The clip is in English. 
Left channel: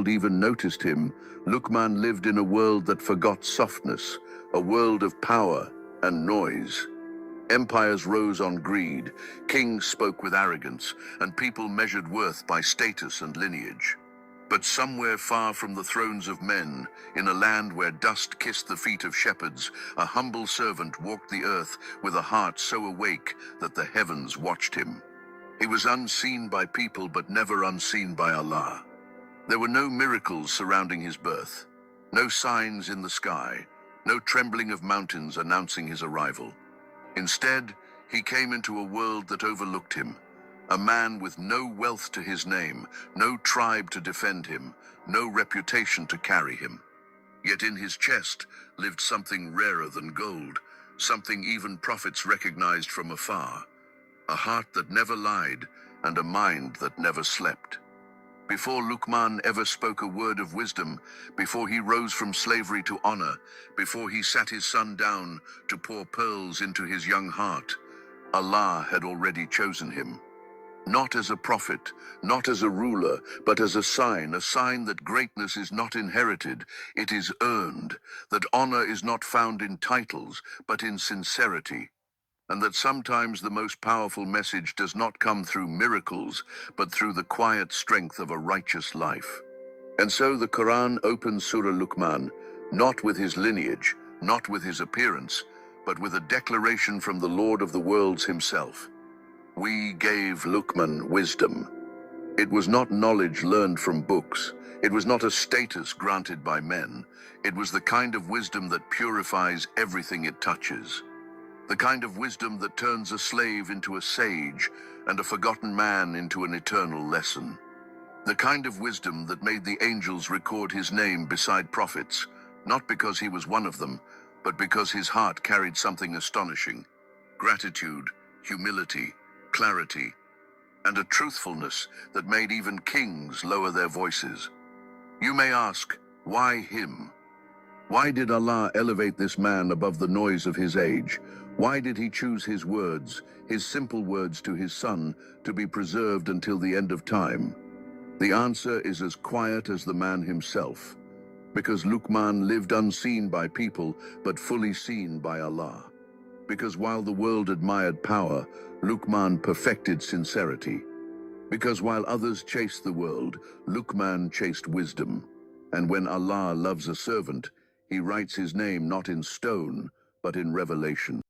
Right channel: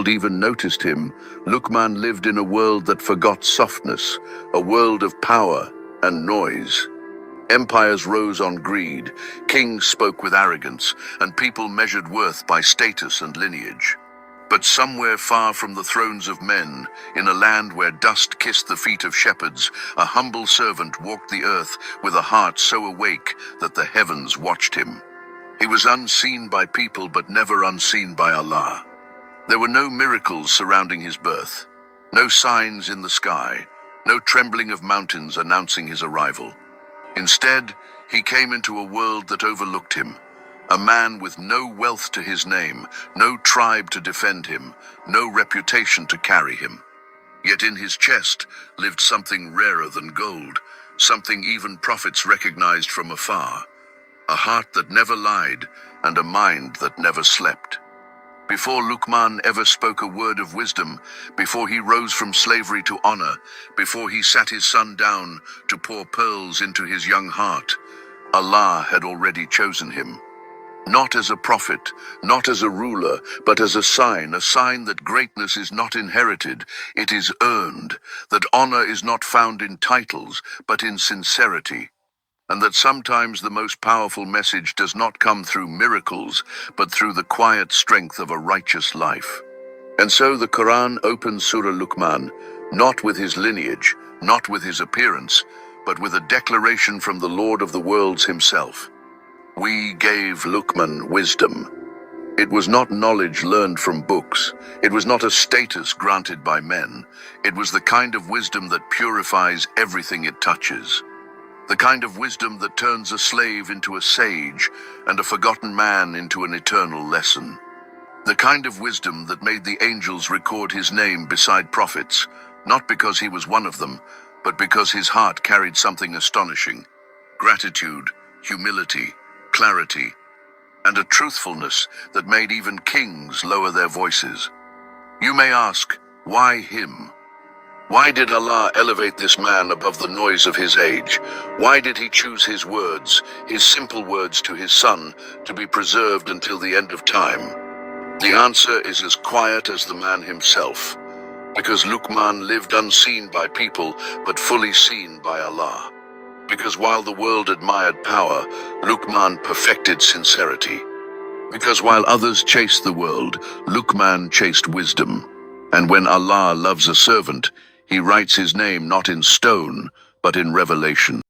world even noticed him, Luqman lived in a world that forgot softness, a world of power and noise. Empires rose on greed, kings spoke with arrogance, and people measured worth by status and lineage. But somewhere far from the thrones of men, in a land where dust kissed the feet of shepherds, a humble servant walked the earth with a heart so awake that the heavens watched him. He was unseen by people but never unseen by Allah. There were no miracles surrounding his birth, no signs in the sky, no trembling of mountains announcing his arrival. Instead, he came into a world that overlooked him, a man with no wealth to his name, no tribe to defend him, no reputation to carry him. Yet in his chest lived something rarer than gold, something even prophets recognized from afar, a heart that never lied and a mind that never slept. Before Luqman ever spoke a word of wisdom, before he rose from slavery to honor, before he sat his son down to pour pearls into his young heart, Allah had already chosen him. Not as a prophet, not as a ruler, but as a sign that greatness is not inherited, it is earned, that honor is not found in titles, but in sincerity, and that sometimes the most powerful message does not come through miracles, but through the quiet strength of a righteous life. And so the Quran opens Surah Luqman, not with his lineage, not with his appearance, but with a declaration from the Lord of the worlds himself. We gave Luqman wisdom. It was not knowledge learned from books. It was not a status granted by men. It was the kind of wisdom that purifies everything it touches. The kind of wisdom that turns a slave into a sage and a forgotten man into an eternal lesson. The kind of wisdom that made the angels record his name beside prophets, not because he was one of them, but because his heart carried something astonishing: gratitude, humility, clarity, and a truthfulness that made even kings lower their voices. You may ask, why him? Why did Allah elevate this man above the noise of his age? Why did he choose his words, his simple words to his son, to be preserved until the end of time? The answer is as quiet as the man himself, because Luqman lived unseen by people, but fully seen by Allah. Because while the world admired power, Luqman perfected sincerity. Because while others chased the world, Luqman chased wisdom. And when Allah loves a servant, he writes his name not in stone, but in revelation.